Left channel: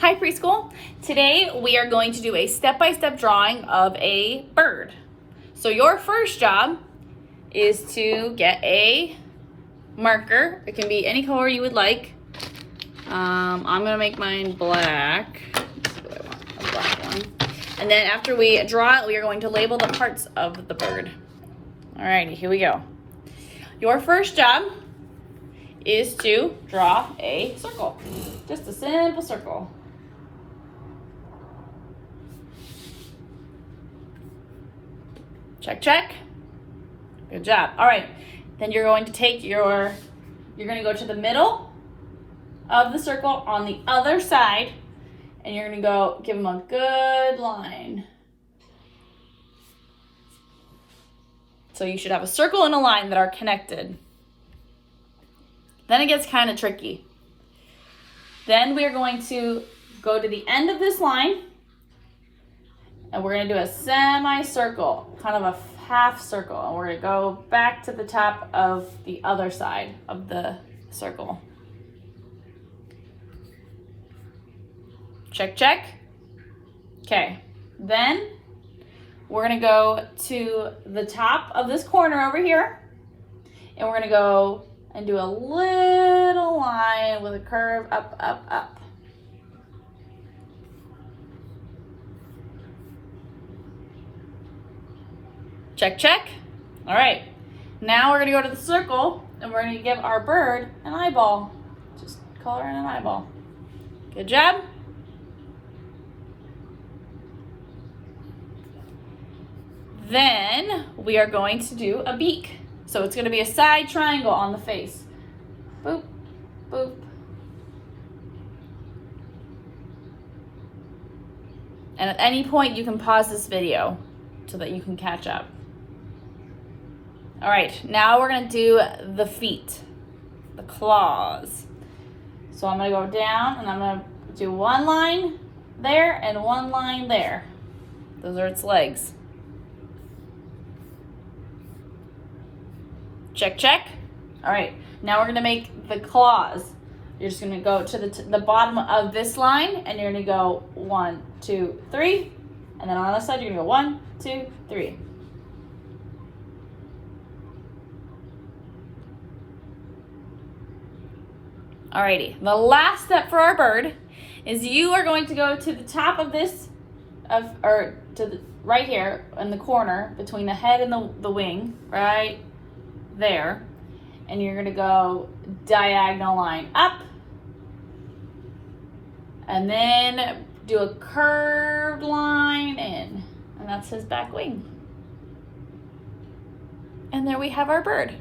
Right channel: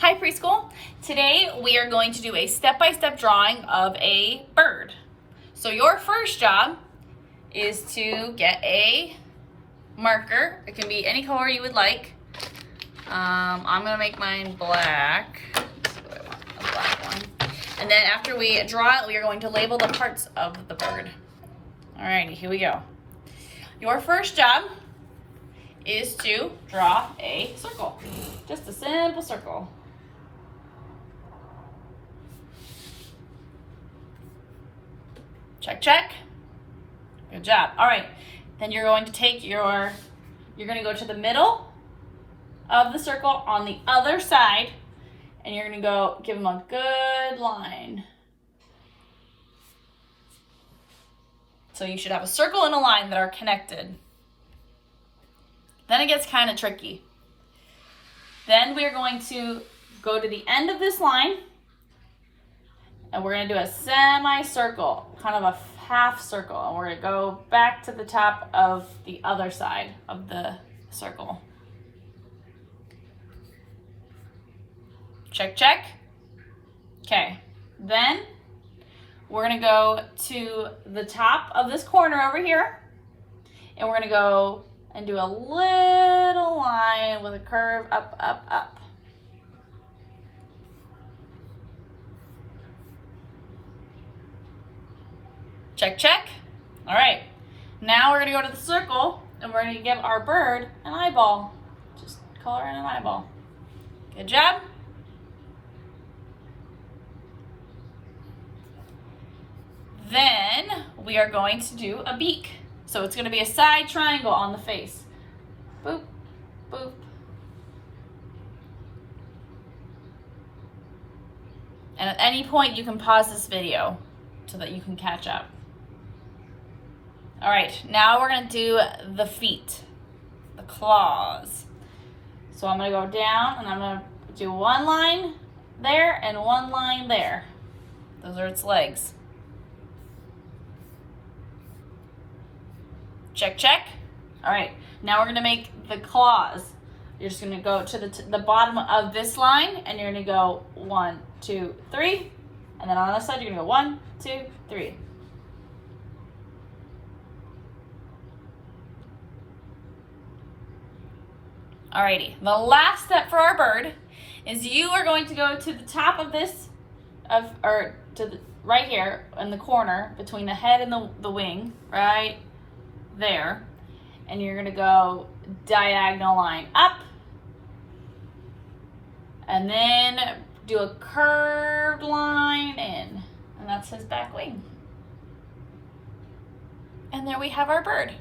Hi preschool. Today we are going to do a step-by-step drawing of a bird. So your first job is to get a marker. It can be any color you would like. I'm gonna make mine black. Let's see what I want, a black one. And then after we draw it, we are going to label the parts of the bird. Alrighty, here we go. Your first job is to draw a circle. Just a simple circle. Check, check. Good job. All right, then you're going to take you're gonna go to the middle of the circle on the other side, and you're gonna go give them a good line. So you should have a circle and a line that are connected. Then it gets kind of tricky. Then we're going to go to the end of this line, and we're gonna do a semicircle, kind of a half circle, and we're gonna go back to the top of the other side of the circle. Check, check. Okay, then we're gonna go to the top of this corner over here, and we're gonna go and do a little line with a curve up, up, up. Check, check. All right, now we're gonna go to the circle and we're gonna give our bird an eyeball. Just color in an eyeball. Good job. Then we are going to do a beak. So it's gonna be a side triangle on the face. Boop, boop. And at any point you can pause this video so that you can catch up. All right, now we're gonna do the feet, the claws. So I'm gonna go down and I'm gonna do one line there and one line there. Those are its legs. Check, check. All right, now we're gonna make the claws. You're just gonna go to the bottom of this line and you're gonna go 1, 2, 3. And then on the other side, you're gonna go 1, 2, 3. Alrighty, the last step for our bird is you are going to go to the top of this, right here in the corner between the head and the wing, right there. And you're gonna go diagonal line up, and then do a curved line in, and that's his back wing. And there we have our bird.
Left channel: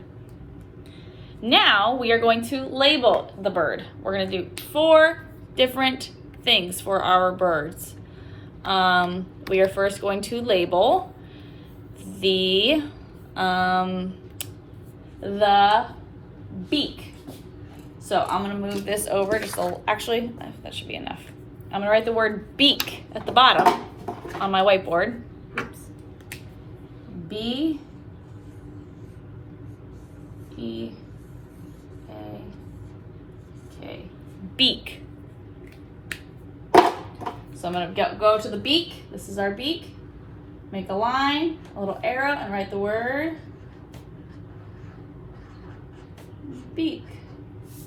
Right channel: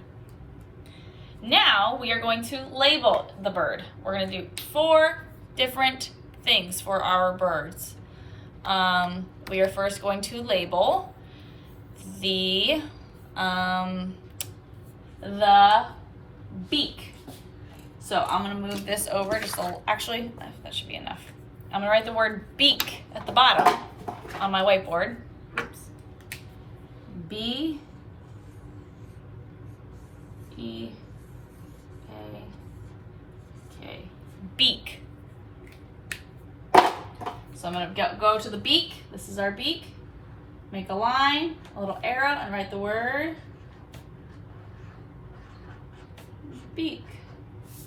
Now we are going to label the bird. We're gonna do 4 different things for our birds. We are first going to label the beak. So I'm gonna move this over just a little, actually, that should be enough. I'm gonna write the word beak at the bottom on my whiteboard. Oops. B-E-A-K, beak. So I'm gonna go to the beak. This is our beak. Make a line, a little arrow, and write the word beak.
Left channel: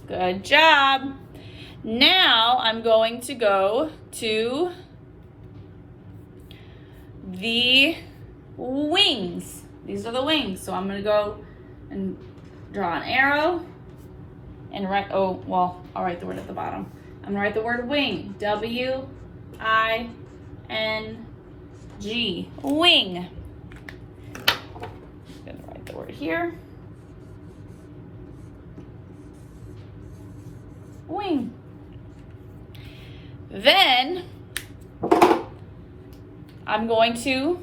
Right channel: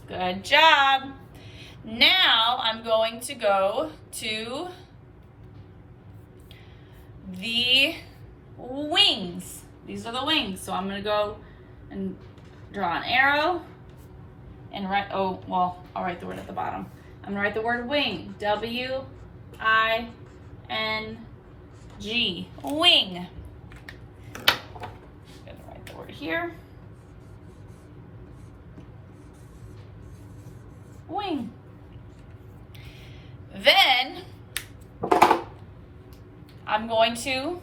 Good job. Now I'm going to go to the wings. These are the wings. So I'm gonna go and draw an arrow and write, I'll write the word at the bottom. I'm gonna write the word wing, W-I-N-G, wing. I'm gonna write the word here. Wing. Then I'm going to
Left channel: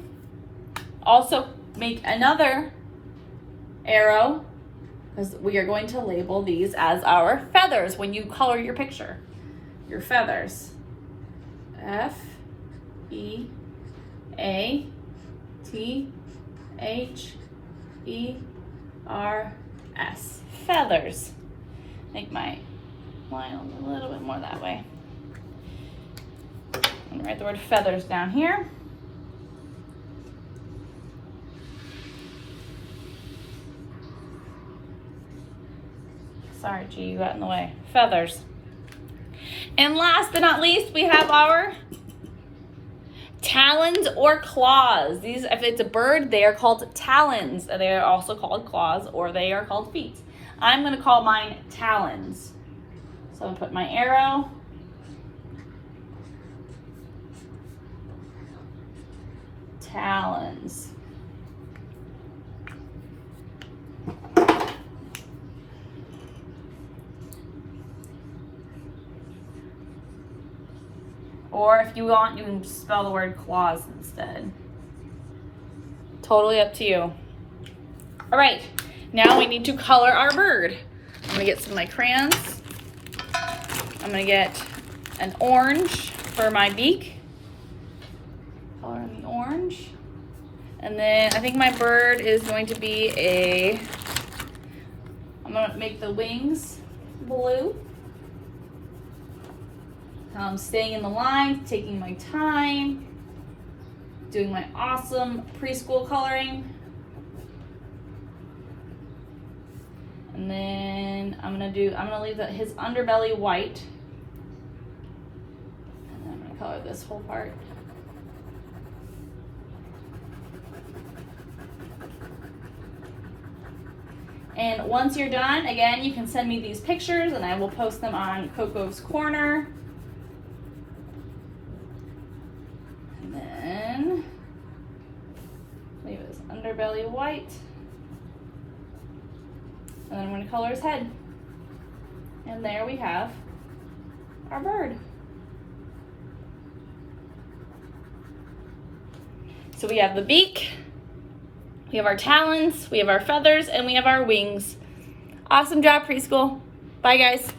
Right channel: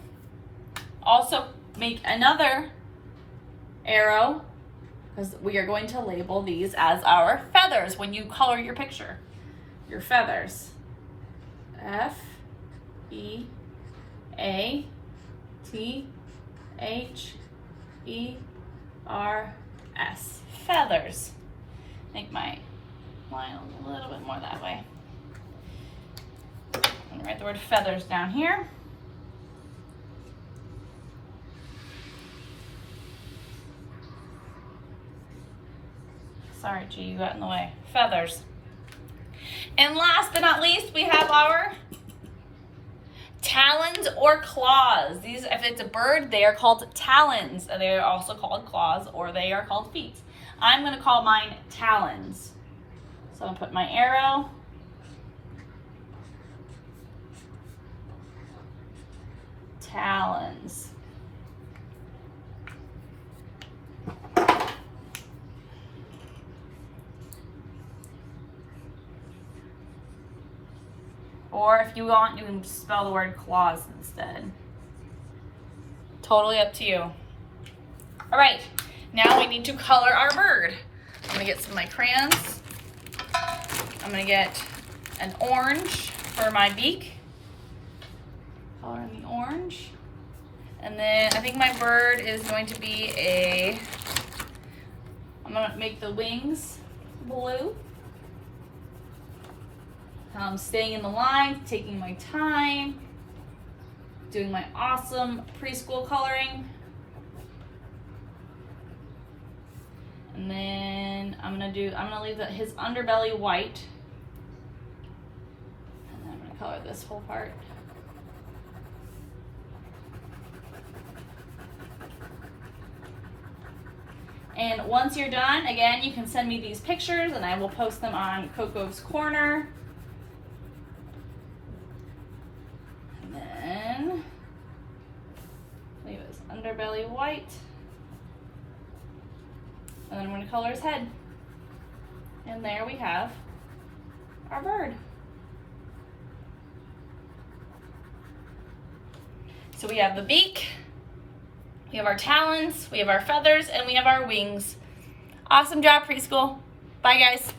also make another arrow because we are going to label these as our feathers when you color your picture. Your feathers. F-E-A-T-H-E-R-S. Feathers. Make my line a little bit more that way. Write the word feathers down here. Sorry, G, you got in the way. Feathers. And last but not least, we have our talons or claws. These, if it's a bird, they are called talons. They are also called claws, or they are called feet. I'm going to call mine talons. So I'm going to put my arrow. Talons. Or if you want, you can just spell the word claws instead. Totally up to you. All right, now we need to color our bird. I'm gonna get some of my crayons. I'm gonna get an orange for my beak. Color in the orange. And then I think my bird is going to be I'm gonna make the wings blue. I'm staying in the line, taking my time, doing my awesome preschool coloring. And then I'm gonna leave his underbelly white. And then I'm gonna color this whole part. And once you're done, again, you can send me these pictures and I will post them on Coco's Corner. And then leave his underbelly white. And then I'm going to color his head. And there we have our bird. So we have the beak, we have our talons, we have our feathers, and we have our wings. Awesome job, preschool. Bye, guys.